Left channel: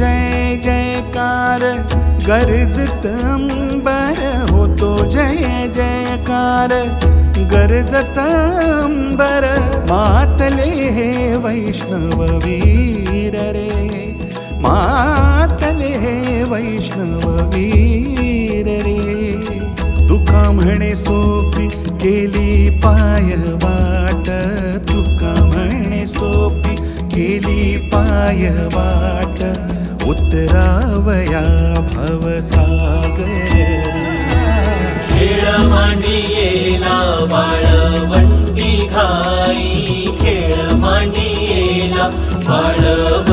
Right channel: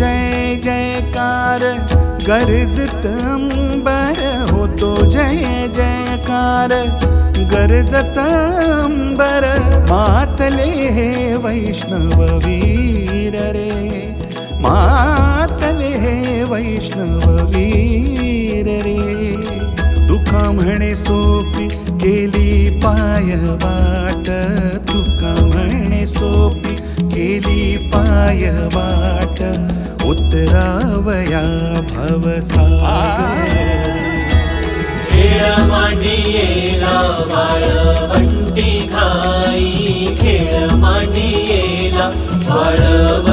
जय जयकार, गर्जत अंबर होतो जय जयकार, गर्जत अंबर। मातले हे वैष्णव वीर रे, मातले हे वैष्णव वीर रे। तुका म्हणे सोपी केली पाय वाट, तुका म्हणे सोपी केली पाय वाट, उतरावया भवसागर। खेळ मांडियेला वाळवंटी घाई, खेळ मांडियेला वाळवंटी